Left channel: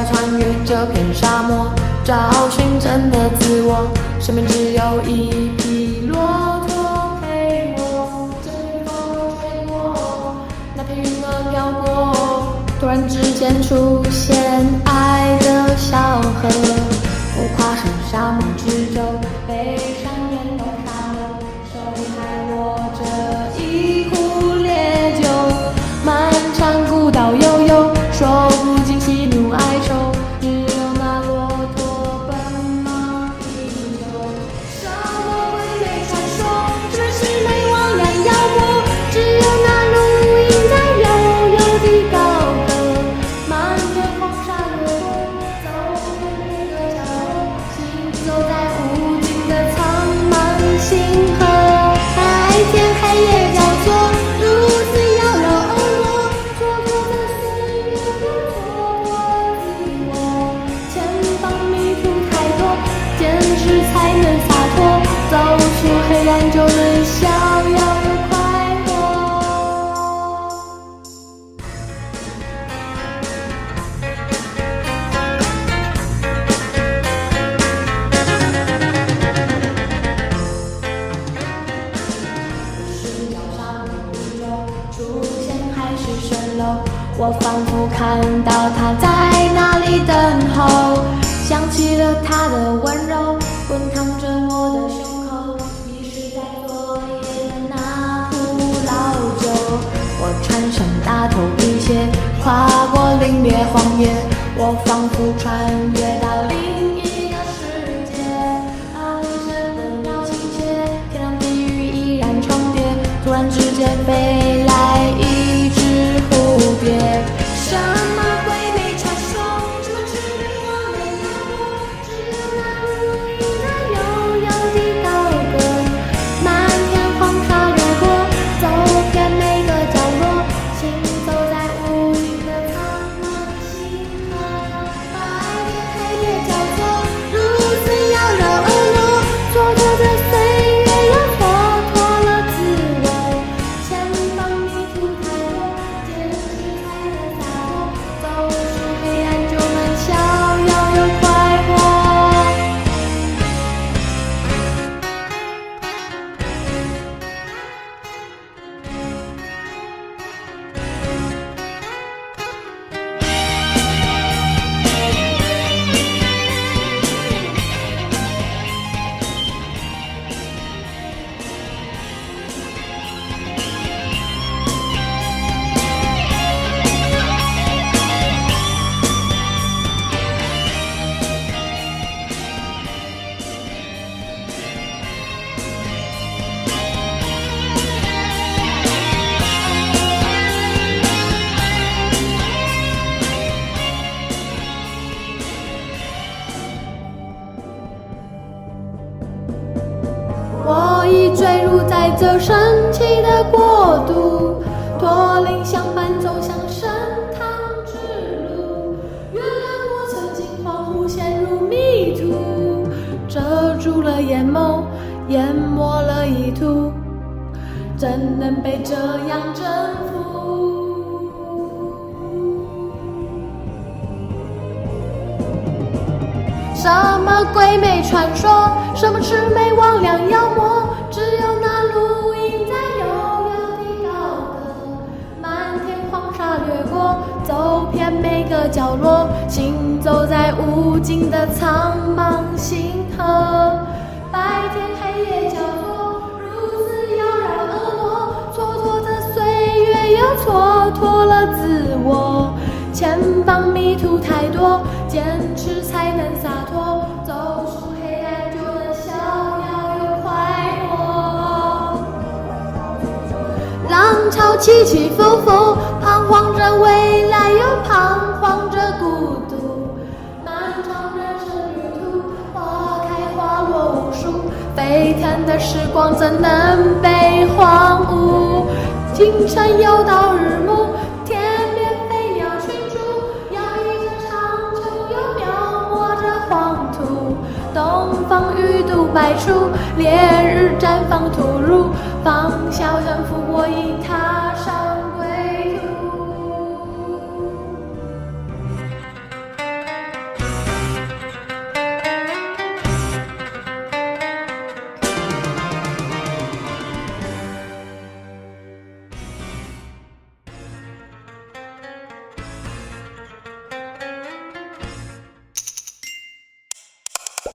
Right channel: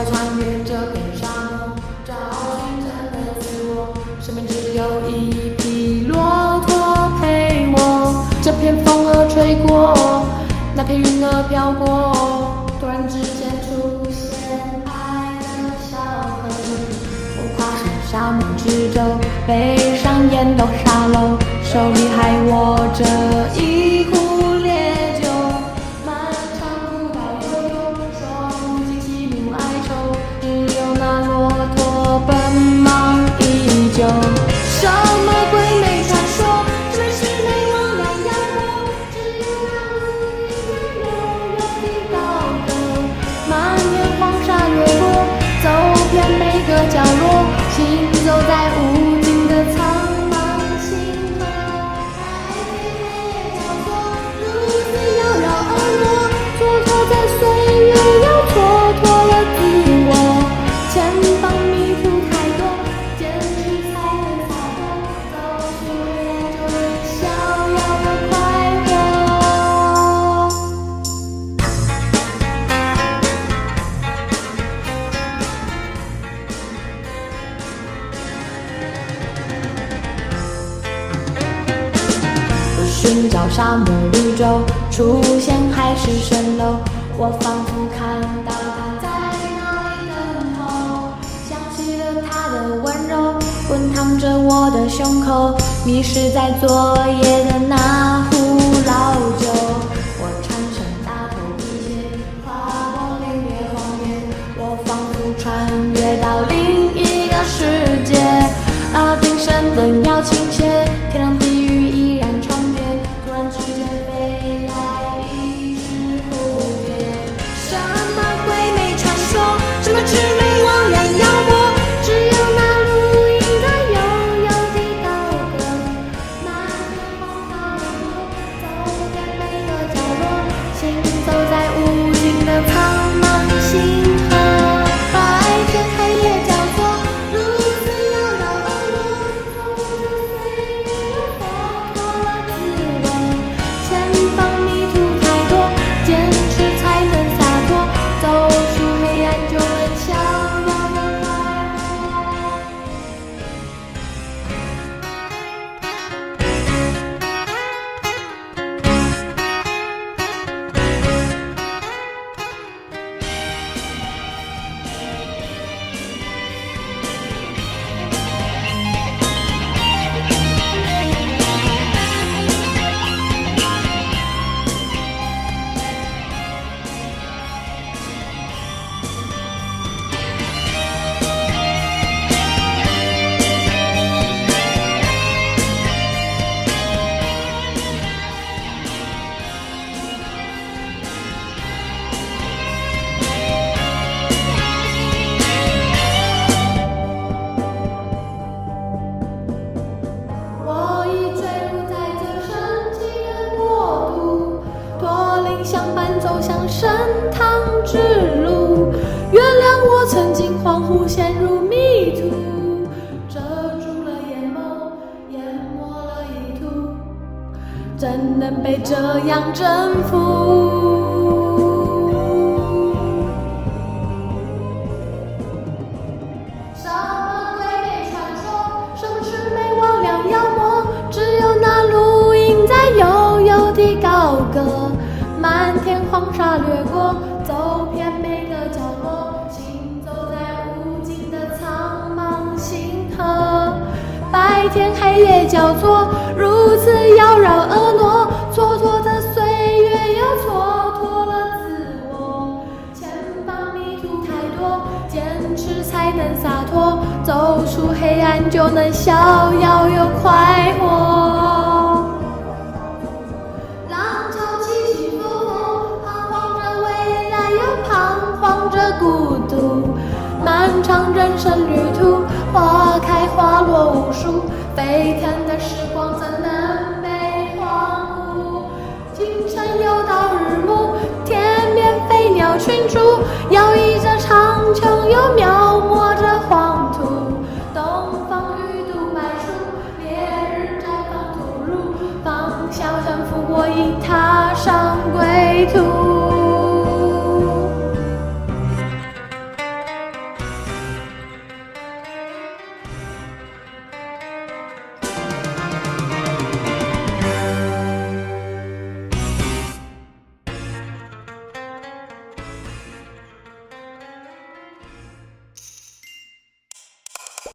要穿越这片沙漠，找寻真的自我。身边只有一匹骆驼陪我。这片风儿吹过，那片云儿飘过，突然之间出现爱的小河。我跨上沙漠之舟，背上烟斗沙漏，手里还握着一壶烈酒。漫长古道悠悠，说不尽喜怒哀愁，只有那骆驼奔忙依旧。什么鬼魅传说，什么魑魅魍魉妖魔，只有那路莺在悠悠地高歌。漫天黄沙掠过，走遍每个角落，行走在无尽的苍茫星河。白天黑夜交错，如此妖娆婀娜，蹉跎着岁月，又蹉跎了自我。前方迷途太多，坚持才能洒脱，走出黑暗就能逍遥又快活。寻找沙漠绿洲，出现海市蜃楼，我仿佛看到他在那里等候，想起了他的温柔，滚烫着我的胸口，迷失在昨夜的那壶老酒。我穿上大头皮鞋，跨过凛冽荒野，我仿佛穿越到另一个世界。耳边声灯要倾斜，天堂地狱依然重叠，突然之间飞来一只蝴蝶。什么鬼魅传说，什么魑魅魍魉妖魔，只有那路莺在悠悠地高歌。漫天黄沙掠过，走遍每个角落，行走在无尽的苍茫星河。白天黑夜交错，如此妖娆婀娜，蹉跎着岁月，又蹉跎了自我。前方迷途太多，坚持才能洒脱，走出黑暗就能逍遥又快活。我已坠入在这神奇的国度，驼铃相伴走向神堂之路。原谅我曾经恍惚陷入迷途，遮住了眼眸，淹没了意图，怎能被这样征服？什么鬼魅传说，什么魑魅魍魉妖魔，只有那路莺在悠悠地高歌。漫天黄沙掠过，走遍每个角落，行走在无尽的苍茫星河。白天黑夜交错，如此妖娆婀娜，蹉跎着岁月，又蹉跎了自我。前方迷途太多，坚持才能洒脱，走出黑暗就能逍遥又快活。浪潮起起伏伏，彷徨着未来，又彷徨着孤独。漫长人生旅途，花开花落无数，飞腾的时光怎能被荒芜？清晨又到日暮，天边飞鸟群逐，摇曳着长穹，又描摹着黄土。东方鱼肚百出，烈日绽放吐露，方晓胜负，我已踏上归途。